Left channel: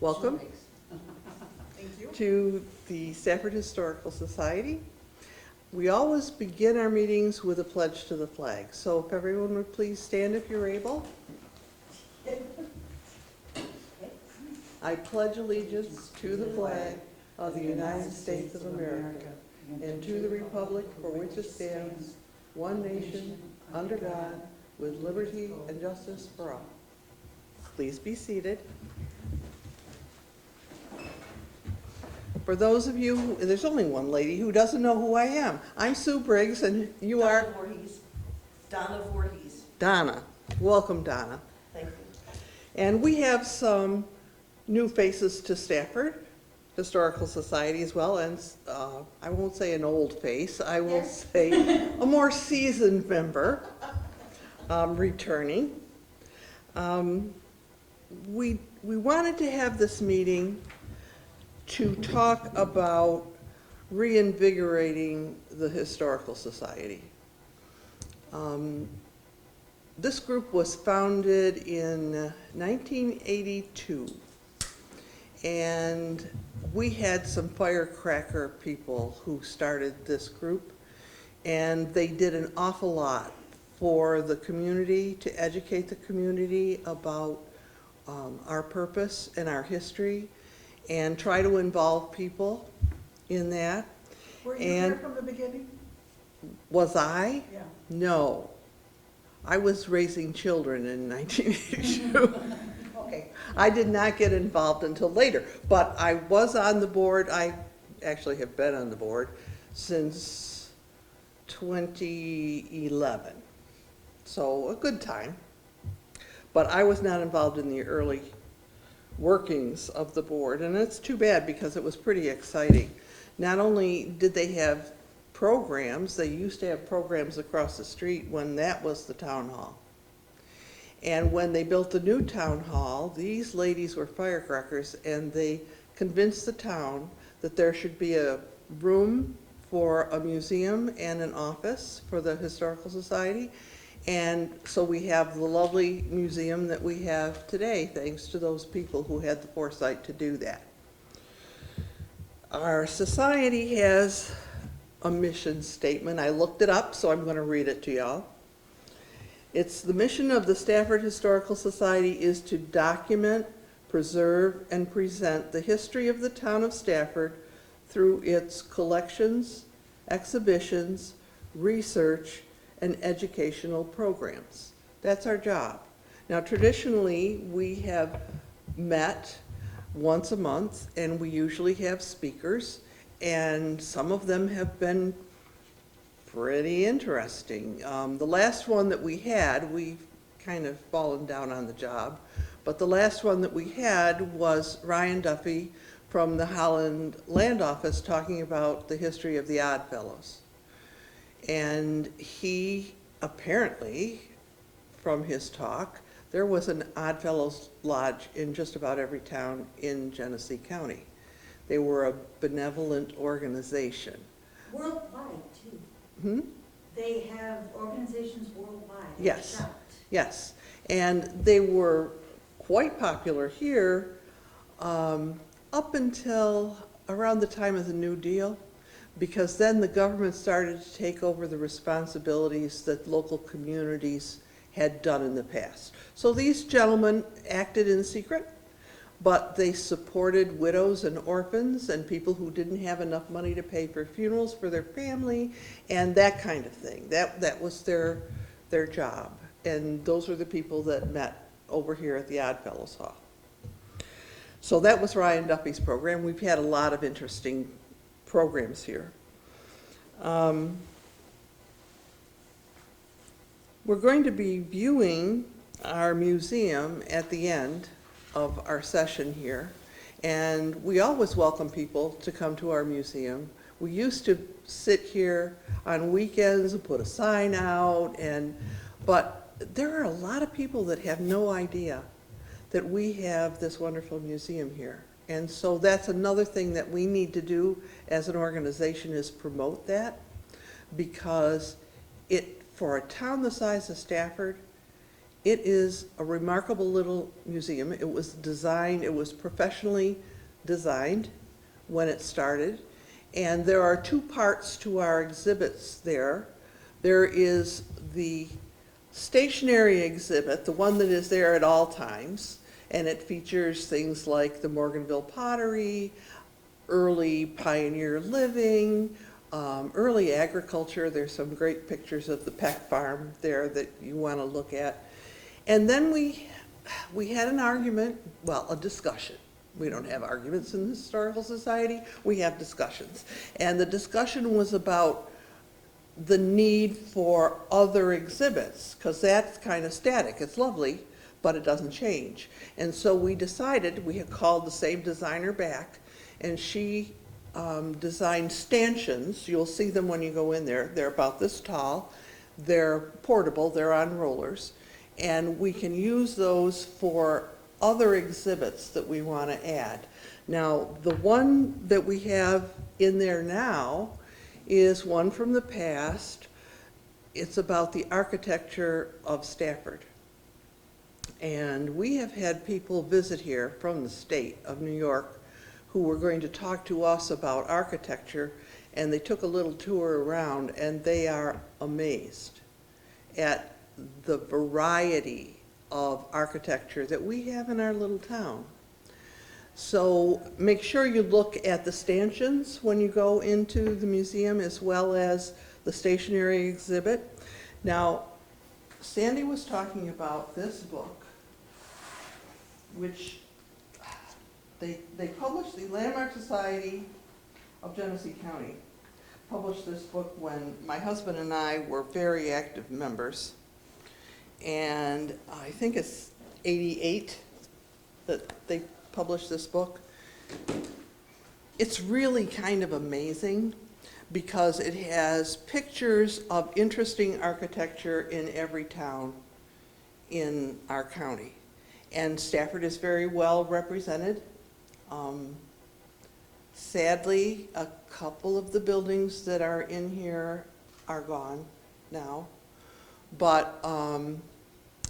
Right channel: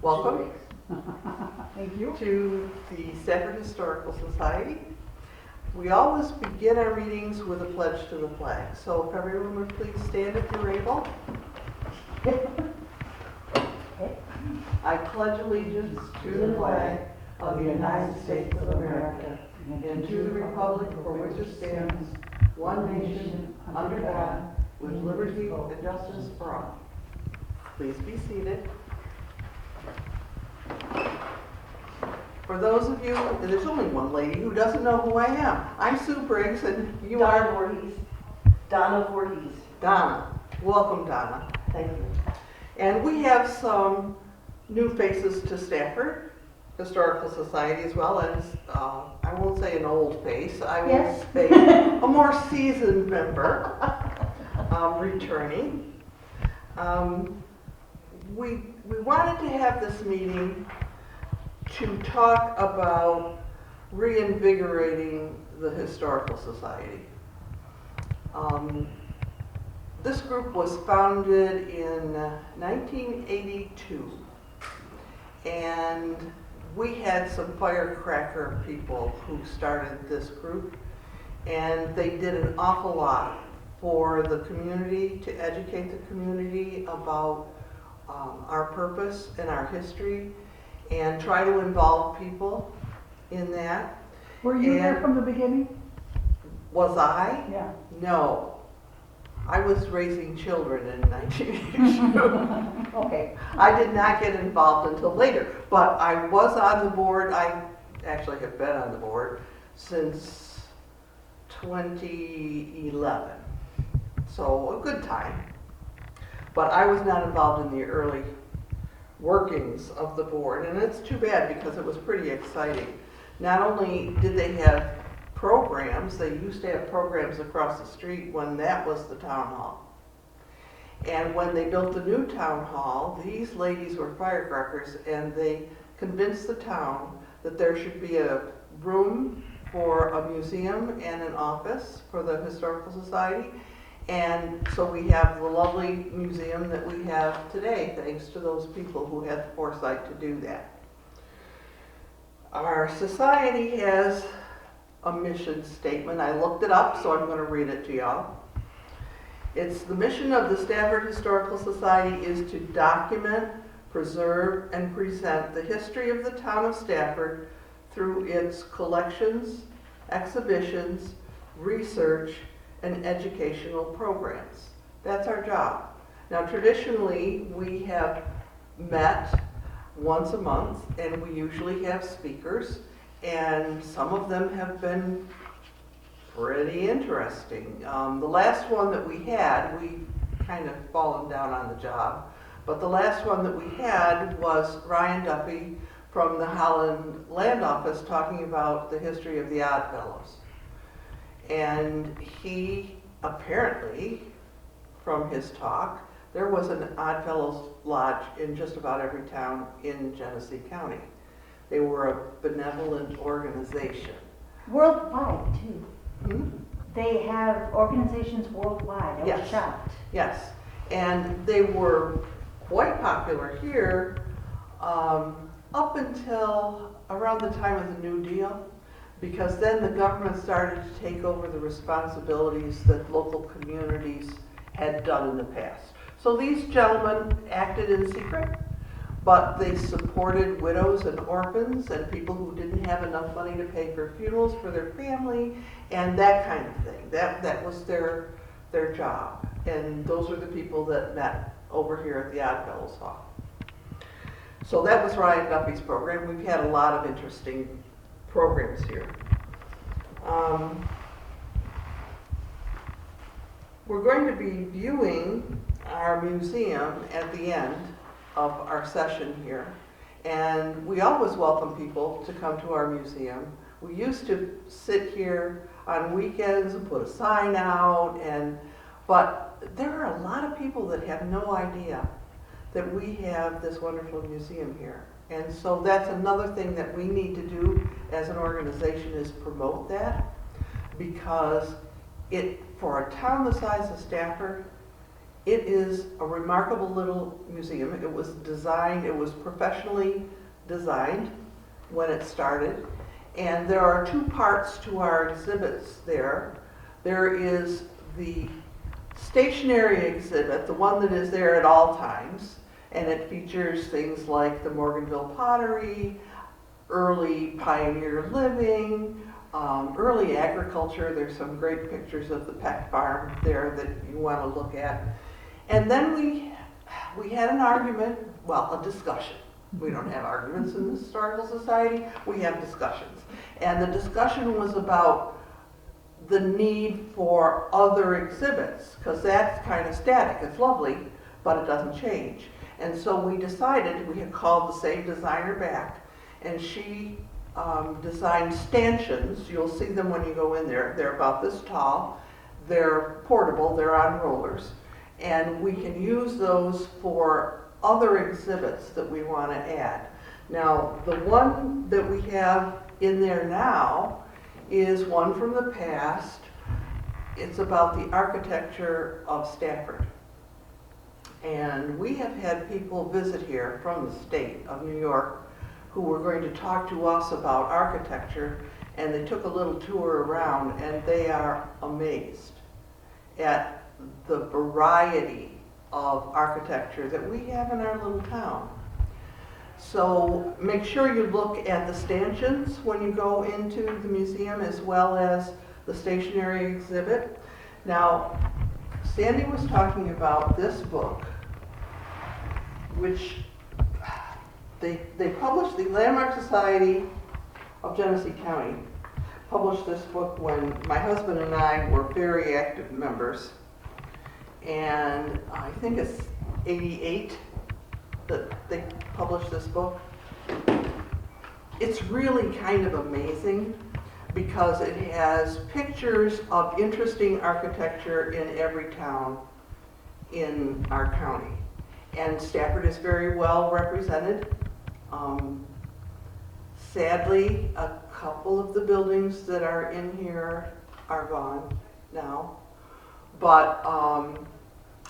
Welcome Thank you. to the Stafford Historical Society. We always begin our meetings with a pledge to the flag. So if everyone would please stand if you're able. I pledge allegiance to the flag of the United States of America and to the republic for which it stands, one nation, under God, with liberty and justice for all. Please be seated. For those of you, and there's only one lady who doesn't know who I am. I'm Sue Briggs, and you are Donna Voorhees. Donna. Welcome, Donna. Thank you. And we have some new faces to Stafford Historical Society, as well as, I won't say an old face, I will Yes. say a more seasoned member returning. We wanted to have this meeting to talk about reinvigorating the Historical Society. This group was founded in 1982, and we had some firecracker people who started this group, and they did an awful lot for the community, to educate the community about our purpose and our history, and try to involve people in that. Were you there And- from the beginning? Was I? Yeah. No. I was raising children in 1982. Okay. I did not get involved until later, but I was on the board. I actually have been on the board since 2011. So a good time. But I was not involved in the early workings of the board, and it's too bad because it was pretty exciting. Not only did they have programs, they used to have programs across the street when that was the town hall. And when they built the new town hall, these ladies were firecrackers, and they convinced the town that there should be a room for a museum and an office for the Historical Society. And so we have the lovely museum that we have today, thanks to those people who had the foresight to do that. Our society has a mission statement. I looked it up, so I'm going to read it to y'all. It's the mission of the Stafford Historical Society is to document, preserve, and present the history of the town of Stafford through its collections, exhibitions, research, and educational programs. That's our job. Now, traditionally, we have met once a month, and we usually have speakers, and some of them have been pretty interesting. The last one that we had, we've kind of fallen down on the job, but the last one that we had was Ryan Duffy from the Holland Land Office talking about the history of the Oddfellows. And he apparently, from his talk, there was an Oddfellows Lodge in just about every town in Genesee County. They were a benevolent organization. Worldwide, too. Hmm? They have organizations worldwide. I was Yes. shocked. Yes, and they were quite popular here up until around the time of the New Deal, because then the government started to take over the responsibilities that local communities had done in the past. So these gentlemen acted in secret, but they supported widows and orphans and people who didn't have enough money to pay for funerals for their family and that kind of thing. That was their job. And those were the people that met over here at the Oddfellows Hall. So that was Ryan Duffy's program. We've had a lot of interesting programs here. We're going to be viewing our museum at the end of our session here, and we always welcome people to come to our museum. We used to sit here on weekends and put a sign out, but there are a lot of people that have no idea that we have this wonderful museum here. And so that's another thing that we need to do as an organization, is promote that, because for a town the size of Stafford, It is a remarkable little museum. It was designed, it was professionally designed when it started. And there are two parts to our exhibits there. There is the stationary exhibit, the one that is there at all times, and it features things like the Morganville pottery, early pioneer living, early agriculture. There's some great pictures of the Peck farm there that you want to look at. And then we had an argument, well, a discussion. We don't have arguments in the Historical Society, we have discussions. And the discussion was about the need for other exhibits, because that's kind of static. It's lovely, but it doesn't change. And so we decided, we had called the same designer back, and she designed stanchions. You'll see them when you go in there. They're about this tall. They're portable, they're on rollers. And we can use those for other exhibits that we want to add. Now, the one that we have in there now is one from the past. It's about the architecture of Stafford. And we have had people visit here from the state of New York who were going to talk to us about architecture, and they took a little tour around, and they are amazed at the variety of architecture that we have in our little town. So make sure you look at the stanchions when you go into the museum, as well as the stationary exhibit. Now, Sandy was talking about this book, which they published, the Landmark Society of Genesee County published this book when my husband and I were very active members. And I think it's 88 that they published this book. It's really kind of amazing because it has pictures of interesting architecture in every town in our county. And Stafford is very well represented. Sadly, a couple of the buildings that are in here are gone now. But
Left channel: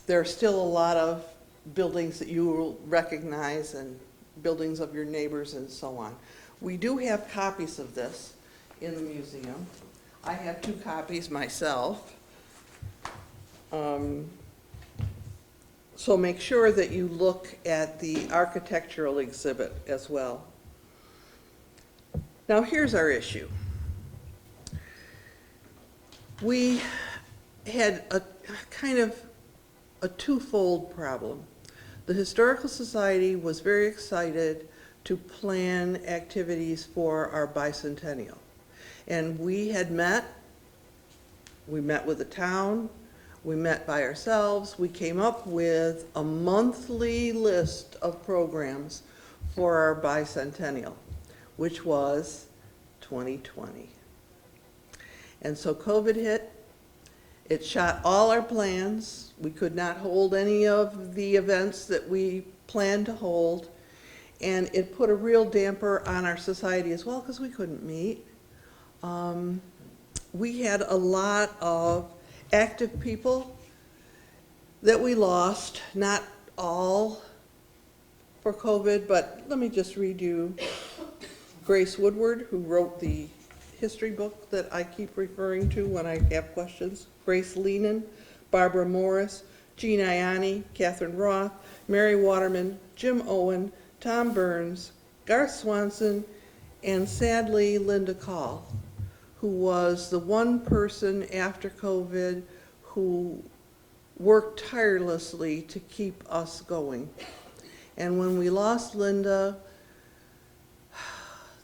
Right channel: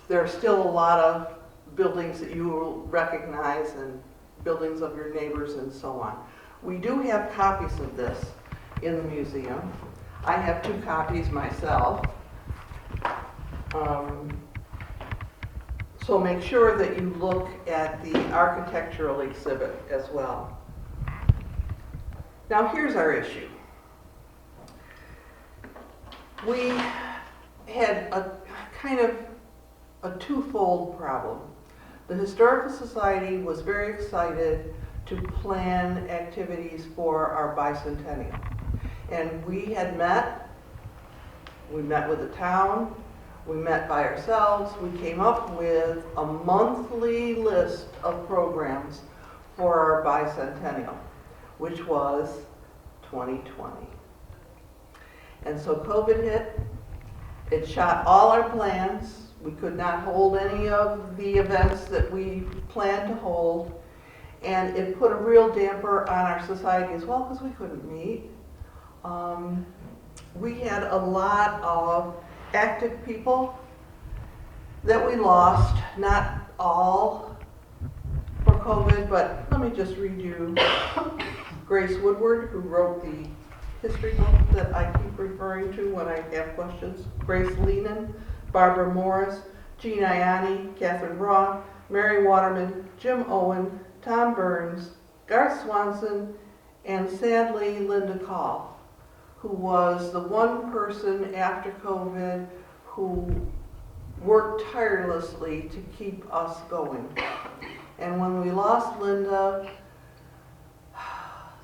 there are still a lot of buildings that you will recognize, and buildings of your neighbors and so on. We do have copies of this in the museum. I have 2 copies myself. So make sure that you look at the architectural exhibit as well. Now here's our issue. We had a kind of a twofold problem. The Historical Society was very excited to plan activities for our bicentennial. And we met with the town, we met by ourselves, we came up with a monthly list of programs for our bicentennial, which was 2020. And so COVID hit. It shot all our plans. We could not hold any of the events that we planned to hold. And it put a real damper on our society as well because we couldn't meet. We had a lot of active people that we lost, not all for COVID, but let me just read you Grace Woodward, who wrote the history book that I keep referring to when I have questions. Grace Lehnan, Barbara Morris, Jean Ianni, Catherine Roth, Mary Waterman, Jim Owen, Tom Burns, Garth Swanson, and sadly Linda Call, who was the one person after COVID who worked tirelessly to keep us going. And when we lost Linda,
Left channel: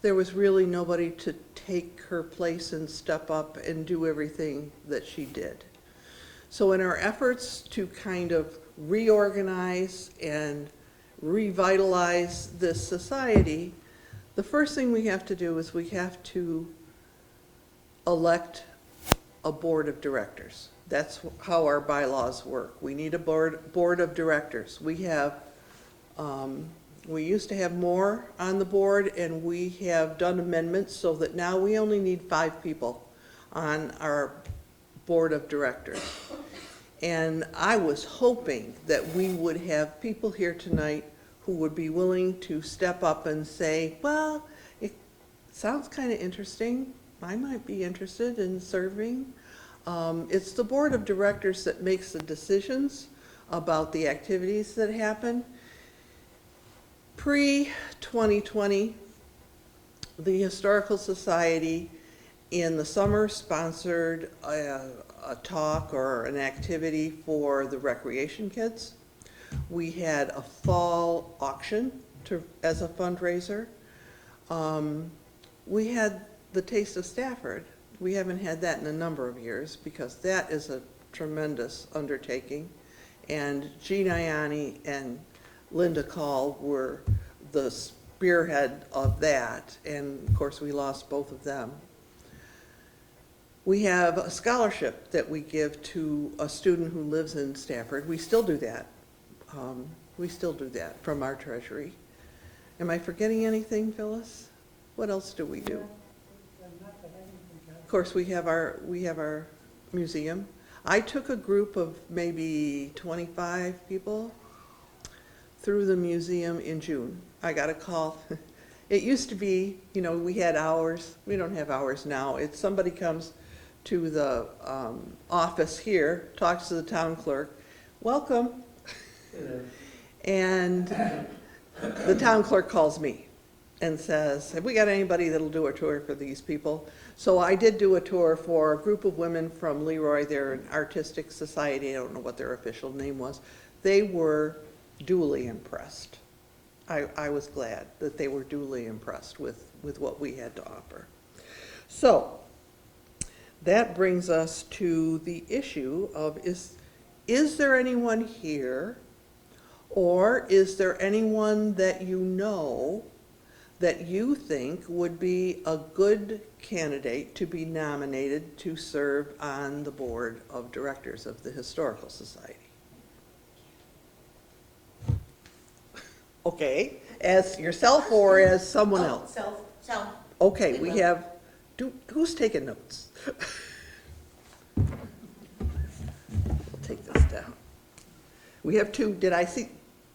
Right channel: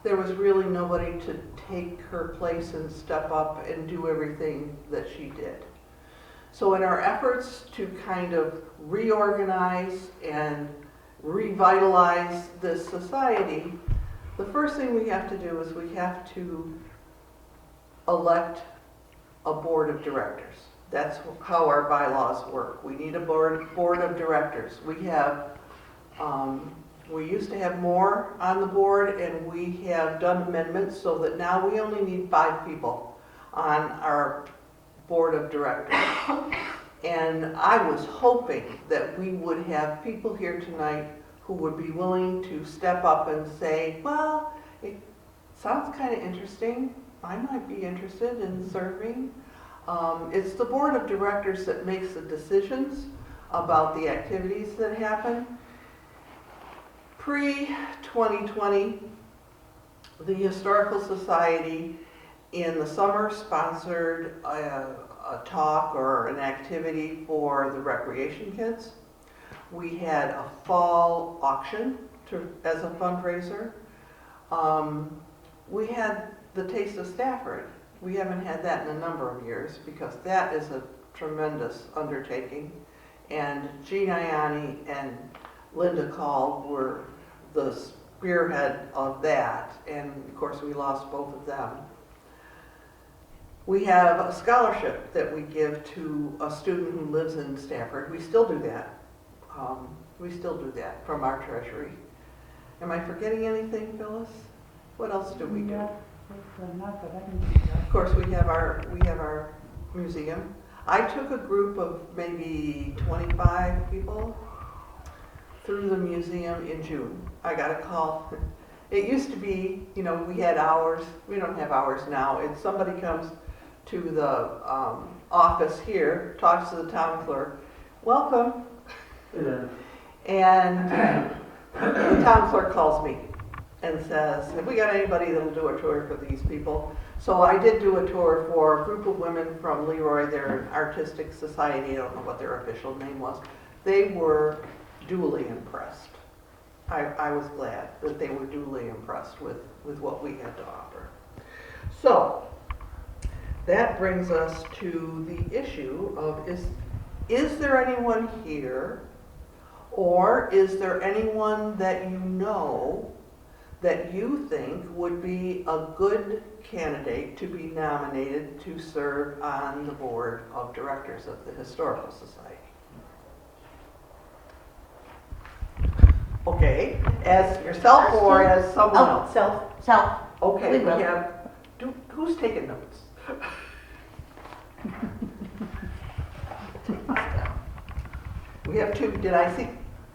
there was really nobody to take her place and step up and do everything that she did. So in our efforts to kind of reorganize and revitalize this society, the first thing we have to do is we have to elect a board of directors. That's how our bylaws work. We need a board of directors. We have, we used to have more on the board, and we have done amendments so that now we only need 5 people on our board of directors. And I was hoping that we would have people here tonight who would be willing to step up and say, well, it sounds kind of interesting. I might be interested in serving. It's the board of directors that makes the decisions about the activities that happen. Pre-2020, the Historical Society in the summer sponsored a talk or an activity for the recreation kids. We had a fall auction as a fundraiser. We had the Taste of Stafford. We haven't had that in a number of years because that is a tremendous undertaking. And Jean Ianni and Linda Call were the spearhead of that. And of course, we lost both of them. We have a scholarship that we give to a student who lives in Stafford. We still do that. We still do that from our treasury. Am I forgetting anything, Phyllis? What else do we do? Of course, we have our museum. I took a group of maybe 25 people through the museum in June. I got a call. It used to be, we had hours. We don't have hours now. If somebody comes to the office here, talks to the town clerk, welcome. And the town clerk calls me and says, have we got anybody that'll do a tour for these people? So I did do a tour for a group of women from Leroy. They're an artistic society. I don't know what their official name was. They were duly impressed. I was glad that they were duly impressed with what we had to offer. So that brings us to the issue of is there anyone here, or is there anyone that you know that you think would be a good candidate to be nominated to serve on the board of directors of the Historical Society? Okay, as yourself or as someone else? Self. Okay, We we will. have, who's taking notes? We'll take this down. We have two, did I see?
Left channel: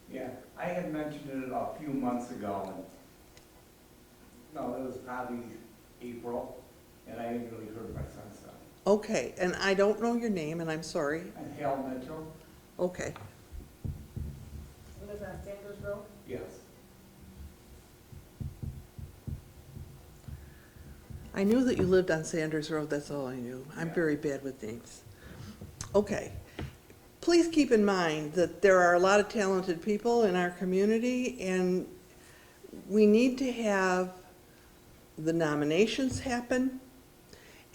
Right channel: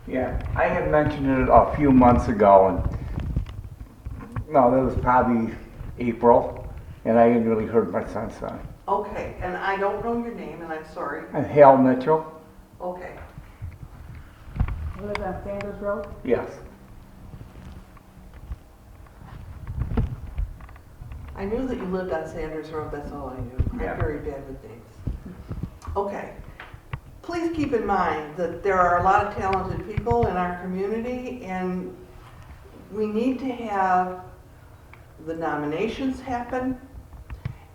Yeah, I had mentioned it a few months ago, and no, that was probably April, and I hadn't really heard much since then. Okay, and I don't know your name, and I'm sorry. And Hal Mitchell? Okay, Live on Sanders Road? Yes. I knew that you lived on Sanders Road, that's all I knew. I'm Yeah. very bad with names. Okay, please keep in mind that there are a lot of talented people in our community, and we need to have the nominations happen,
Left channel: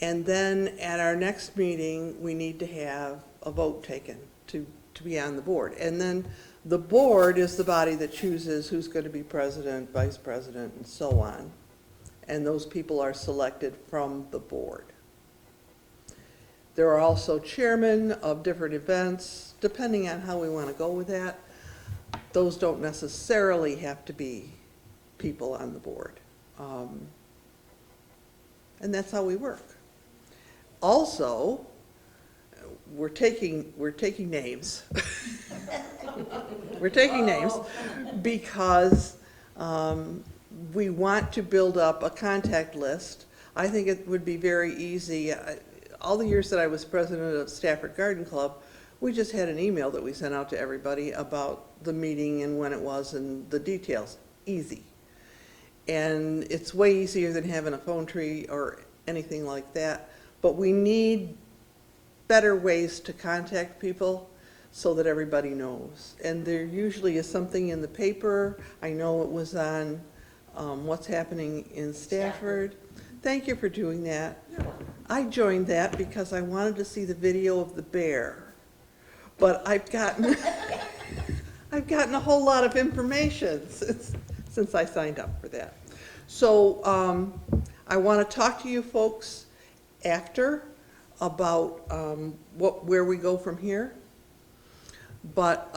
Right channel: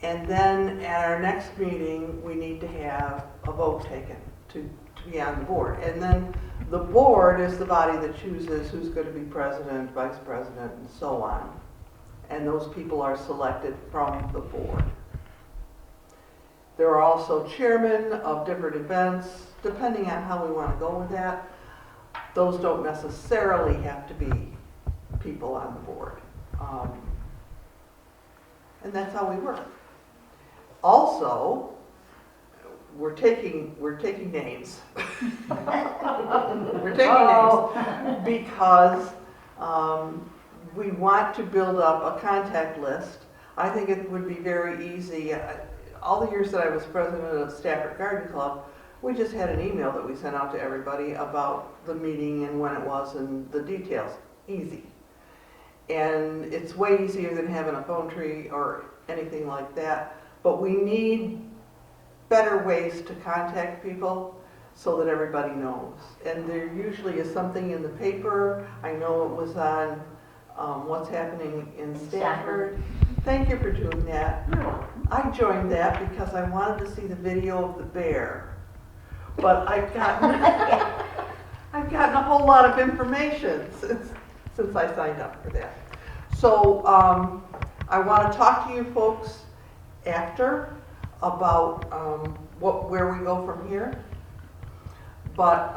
and then at our next meeting, we need to have a vote taken to be on the board. And then the board is the body that chooses who's going to be president, vice president, and so on. And those people are selected from the board. There are also chairmen of different events, depending on how we want to go with that. Those don't necessarily have to be people on the board. And that's how we work. Also, we're taking names. We're taking names because we want to build up a contact list. I think it would be very easy. All the years that I was president of Stafford Garden Club, we just had an email that we sent out to everybody about the meeting and when it was and the details. Easy. And it's way easier than having a phone tree or anything like that. But we need better ways to contact people so that everybody knows. And there usually is something in the paper. I know it was on what's happening in Stafford. Thank you for doing that. I joined that because I wanted to see the video of the bear. But I've gotten a whole lot of information since I signed up for that. So I want to talk to you folks after about where we go from here. But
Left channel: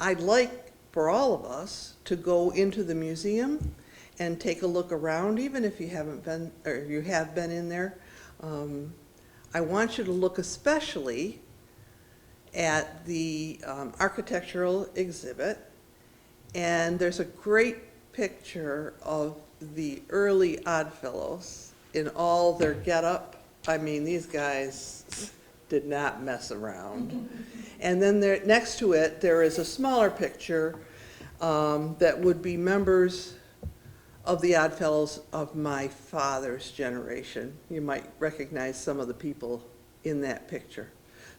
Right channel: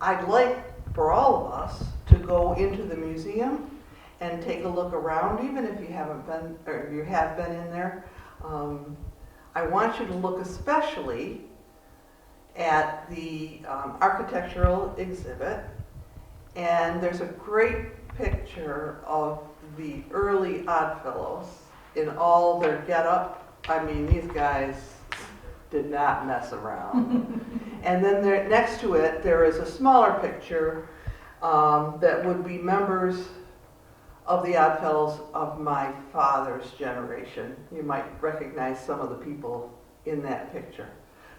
I'd like for all of us to go into the museum and take a look around, even if you haven't been, or you have been in there. I want you to look especially at the architectural exhibit. And there's a great picture of the early Oddfellows in all their getup. I mean, these guys did not mess around. And then there, next to it, there is a smaller picture that would be members of the Oddfellows of my father's generation. You might recognize some of the people in that picture.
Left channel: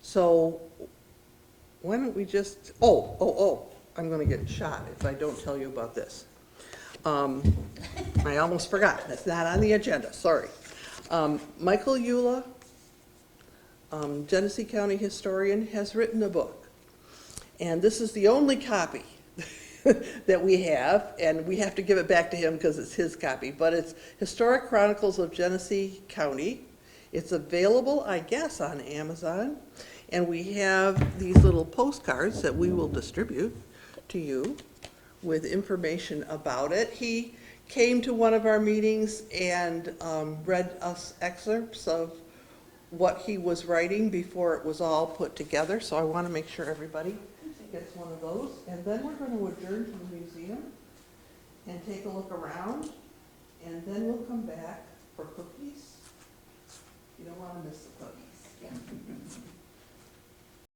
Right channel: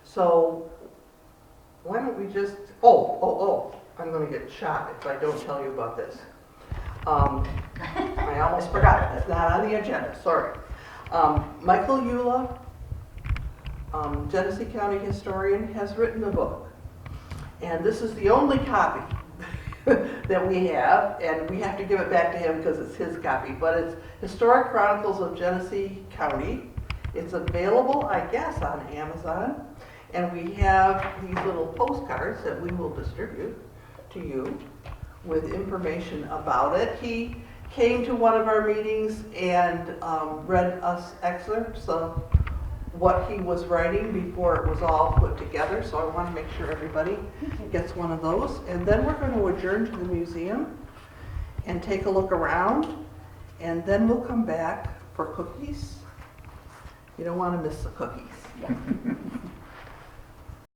So why don't we just, I'm gonna get shot if I don't tell you about this. I almost forgot, it's not on the agenda, sorry. Michael Eula, Genesee County historian, has written a book. And this is the only copy that we have, and we have to give it back to him because it's his copy, but it's Historic Chronicles of Genesee County. It's available, I guess, on Amazon, and we have these little postcards that we will distribute to you with information about it. He came to one of our meetings and read us excerpts of what he was writing before it was all put together, so I want to make sure everybody gets one of those. And then we're going to adjourn to the museum and take a look around, and then we'll come back for cookies. You don't want to miss the cookies.